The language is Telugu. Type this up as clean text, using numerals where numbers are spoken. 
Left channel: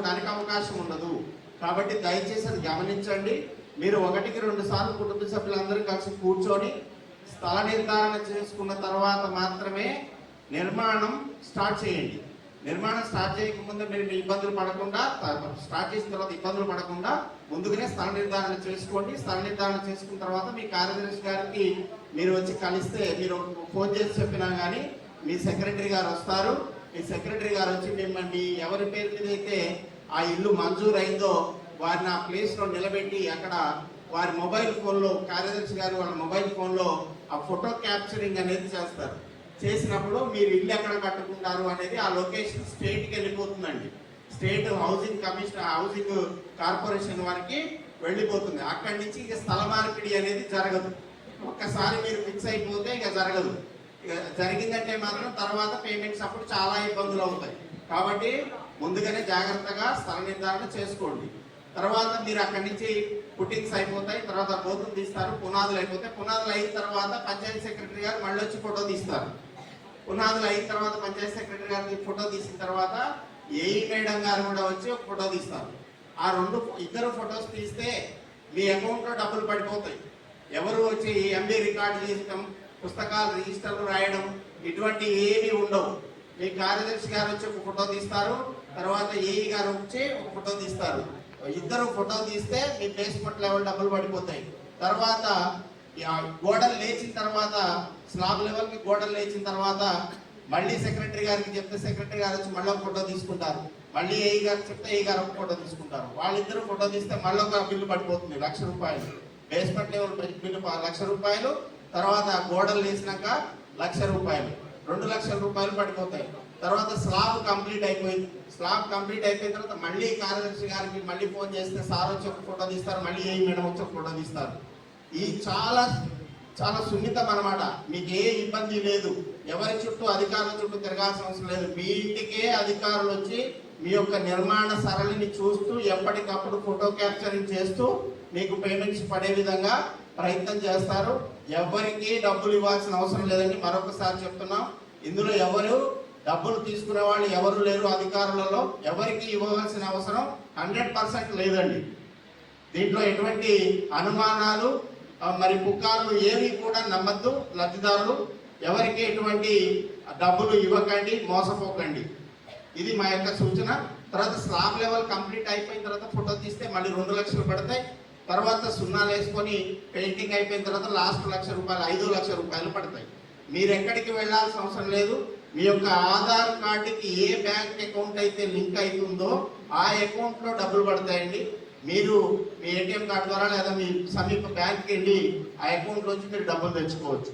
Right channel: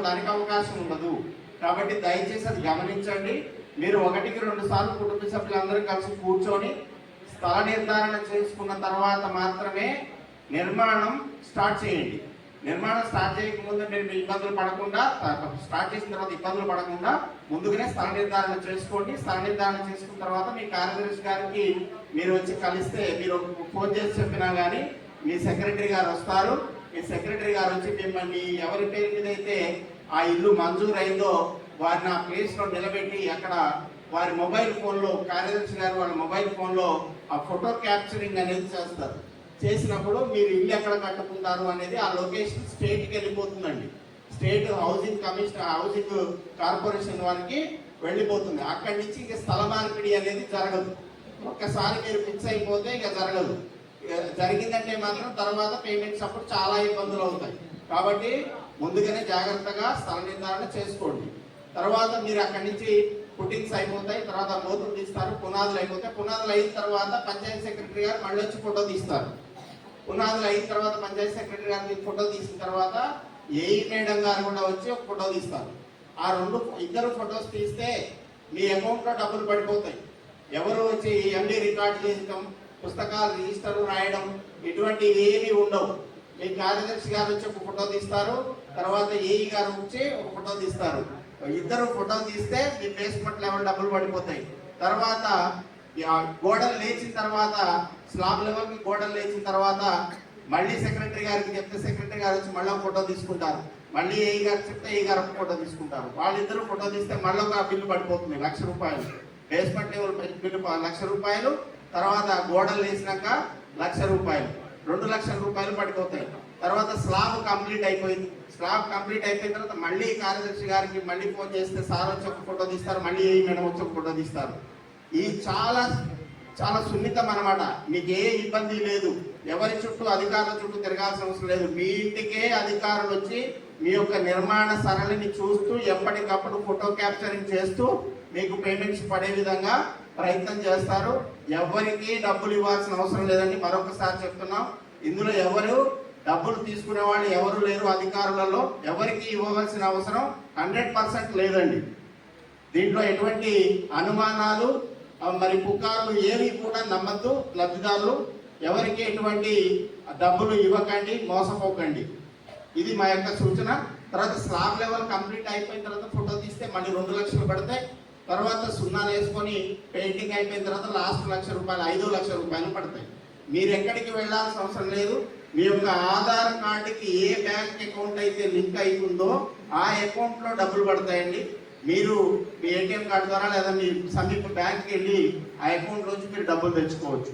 దానికి అవకాశం ఉండదు. కాబట్టి దయచేసి అది గమనించండి. మీరు 1-2 సార్లు కుటుంబ సభ్యులందరూ కలిసి కూర్చొని స్థల నిర్ధారణ చేసుకున్న తర్వాత మాత్రమే నిర్మాణం స్టార్ట్ చేయండి. నిర్మాణం స్టార్ట్ చేయకముందు మీరు ఇబ్బందులు పడకుండా, స్టార్ట్ చేసిన తర్వాత ఇబ్బందులు పడకుండా ముందుగానే స్థల నిర్ధారణ చేసుకోండి. స్థల నిర్ధారణ చేసుకున్న తర్వాత మీ కార్యదర్శి గారికి మీరు వచ్చి కలిస్తే, మీరు ఫోన్ చేసి చెప్పినా కానీ మీ సెక్రటరీ గారు వస్తారు. మీ సెక్రటరీ గారు వచ్చి మిమ్మల్ని ఎవరి పేరు మీద అయితే ఆ ఇల్లు మంజూరు అయిందో వారిని ఆ ప్లేస్లో నిలబెట్టి అక్కడ వారి మొబైల్ ఫోన్లో, కార్యదర్శి గారు వాళ్ళ మొబైల్ ఫోన్లో ఆ ఫోటో క్యాప్చరింగ్ అనేది చేస్తారు. చేసినప్పుడు మీరు ఇల్లు ఎక్కడ కట్టుకుంటారు అనేది ఆ లొకేషన్ స్టేట్కి వెళ్ళిపోతుందండి. State housing commission, housing corporation వారికి వెళ్ళిపోతుంది. అక్కడి నుంచి ఇక స్థల మార్పిడి అనేది జరగదు. ఒక్కసారి మీరు ఫిక్స్ అయిపోతే ఇక జరగదు. జరిగిందంటే మాత్రం తర్వాత పేమెంట్స్ అప్పుడు చాలా ఇబ్బందులు అవుతాయి. కాబట్టి ముందుగానే జాగ్రత్తగా స్థల నిర్ధారణ చేసుకోండి. తర్వాత మీరు అక్కడి నుంచి పుట్టింగ్స్ అయిపోతాయి. తర్వాత బోతులు తీస్తారు, పునాదులు అయిపోతాయి. పునాదులు అయిన తర్వాత పంచాయతీ సెక్రటరీ గారు మళ్ళీ వచ్చి ఫోటో తీస్తారు. పునాదులు అయిన తర్వాత పంచాయతీ సెక్రటరీ గారికి ఫోటో తీసిన తర్వాత ఏఈ మేడం గారు కూడా వచ్చి ఒక ఫోటో తీస్తారు. ఆ ఇద్దరు ఫొటోస్ తీస్తే మీ అకౌంట్లో డబ్బులు పడిపోతాయి. ఎవరు వచ్చి ఎంబీ రికార్డు చేయడం, పుస్తకాలు రిజిస్టర్లు రాయడం ఇటువంటివి ఏమీ ఉండవు. మీ కార్యదర్శి గారు వచ్చి ఒక ఫోటో తీస్తారు, తర్వాత ఏఈ గారు వచ్చి ఒక ఫోటో తీస్తారు. ఇద్దరు ఫోటో తీస్తే మీ బేస్మెంట్ లెవెల్ డబ్బులు పడిపోతాయి. తర్వాత గోడలు లేచిన తర్వాత, స్లాబ్ లెవెల్కి గోడలు లేచిన తర్వాత మళ్ళీ సెక్రటరీ గారికి చెప్తే సెక్రటరీ గారు వచ్చి మళ్ళీ ఒక ఫోటో తీసుకుంటారు. మళ్ళీ ఏఈ గారు చెప్తే ఏఈ గారు ఒక ఫోటో తీసుకుంటారు. వాళ్ళిద్దరూ ఫోటో తీస్తే మళ్ళీ ఒక బిల్లు పడిపోతుంది, ₹1,00,000. Basement level bill ₹1,00,000. తర్వాత గోడలు వేసినాక ₹1,00,000, ₹2,00,000 పడిపోతాయి. తర్వాత స్లాబ్ కంప్లీట్ అయిపోయింది. స్లాబ్ కంప్లీట్ అయిపోయిన తర్వాత మళ్ళీ కార్యదర్శి గారికి మళ్ళీ ఫోన్ చేస్తే సార్ వచ్చి ఒక ఫోటో తీస్తారు, మళ్ళీ ఏ మేడం వచ్చి ఒక ఫోటో తీస్తారు. ఈ చాలా చాలా సున్నితం అన్నమాట. మీకు ఏ ఇబ్బంది లేదు. ఎవరి చుట్టూ అధికారుల చుట్టూ తిరగాల్సిన అవసరం లేదు. మీ ఇంటికే అధికారులు వచ్చి మీ యొక్క నిర్మాణ సరళిని చూస్తూ ఎప్పటికప్పుడు ఫోటో క్యాప్చరింగ్ చేస్తూ మీకు పేమెంట్స్ పడే విధంగా ప్రయత్నం చేస్తారు. ఎవరికి డబ్బులు ఇవ్వాల్సిన అవసరం లేదని మరొకసారి చెప్తున్నాం. ఇందులో ఎవరు డబ్బులు తీసుకునే వాళ్ళు ఎవరు లేరు. అధికారులలో ఎవరికి ఇవ్వవలసిన అవసరం 100% లేదండి. దీంట్లో ఎటువంటి అనుమానాలు మరి పుకార్లు ఏవి కూడా నమ్మద్దు. లబ్ధిదారులు ఎవరికి ఎటువంటి డబ్బులు ఇవ్వకండి, మోసపోకండి. ఇది మా యొక్క సూచన. తర్వాత స్లాబ్ లెవెల్ కంప్లీట్ అయిపోయిన తర్వాత ఫోటో తీస్తే మళ్ళీ ₹2,00,000 పడతాయి. తర్వాత సున్నాలు వేసుకొని పెయింటింగ్ అయిపోయిన తర్వాత లాస్ట్ ₹1,00,000, ₹5,00,000 పడతాయి. మీరు ఎక్కడికి వెళ్ళాల్సిన అవసరం లేదు. మీ యొక్క ఆధార్ కార్డుకి ఏ బ్యాంక్ అకౌంట్ అయితే లింక్ అవుతుందో ఆ అకౌంట్లో డబ్బులు పడతాయండి. మీరు మీ ఏటీఎం కార్డు ద్వారా లేదా మీ సమీప బ్యాంక్కి వెళ్ళి ఆ అకౌంట్ నుంచి మీరు డబ్బులు తెచ్చుకోవచ్చు.